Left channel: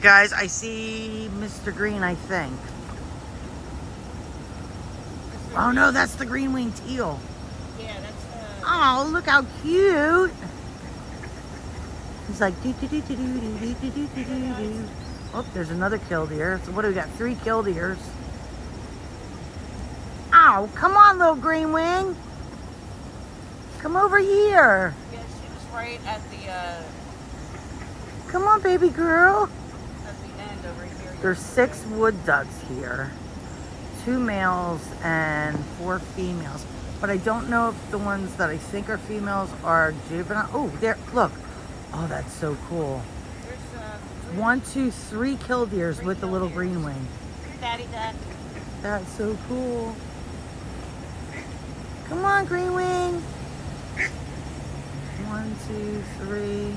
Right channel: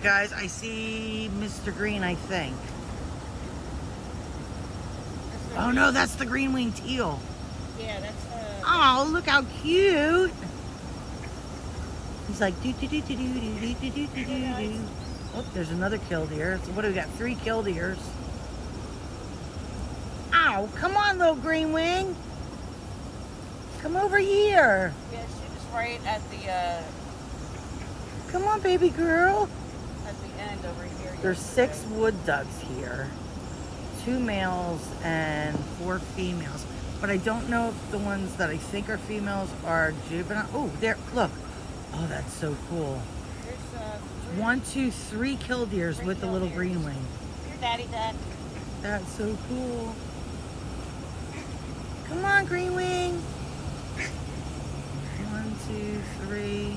Guys, I see Mr. Green, I think. Oh no, that's the green-winged teal. Yeah, that's Oh, look how cute. He's like do do do do do do do do do do do. Oh, there's another killdeer. So what do we got? 3 killdeers. Ow, come on, little green wing. Come over here. yeah, she was right at the Come on, baby girl. end over here. There's 6 wood ducks here. 2 males and 4 females. But I don't know if the ones that I think are females are juvenile. Oh, there, look. Oh, that's so cool. There's 1, 2, 3 killdeers with the little green wing. Here, Daddy, Dad. That's so cool. Come on, green wing. 1, 2, 3.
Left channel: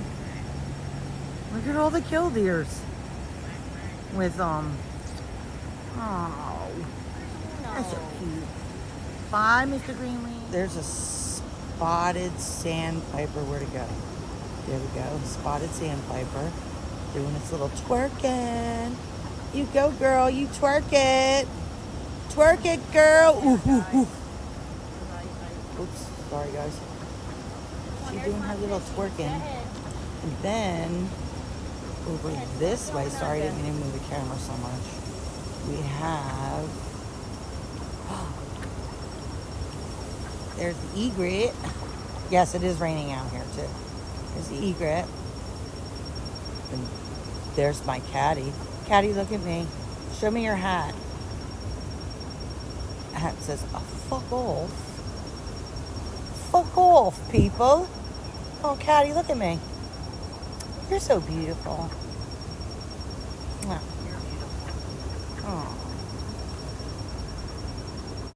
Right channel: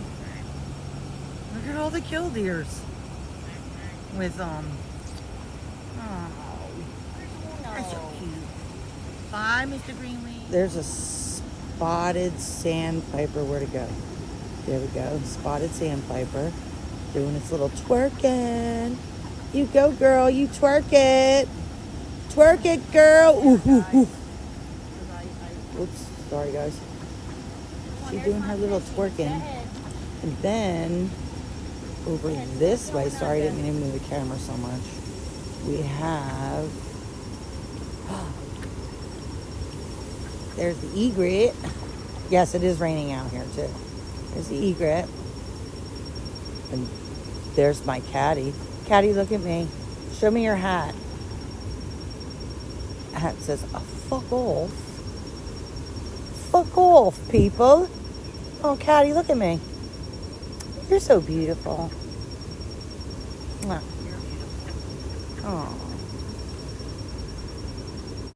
Look at all the killdeers with Oh, that's so cute. Bye, Mr. Greenwing. There's a spotted sandpiper. Where to go? There we go. Spotted sandpiper doing its little twerking. You go, girl. You twerk it. Twerk it, girl. Ooh, ooh, ooh. Oops. Sorry, guys. She's doing her little twerking. And then over this way, sorry, I didn't mean to move the camera so much. We have, there's the egret. Yes, it is raining out here too. There's the egret. And there's my catty. Catty, look at me. Show me your hat. Hat says, oh, fuck off. Fuck off, people. Oh, catty, look at me. You're so beautiful. You're beautiful. Oh.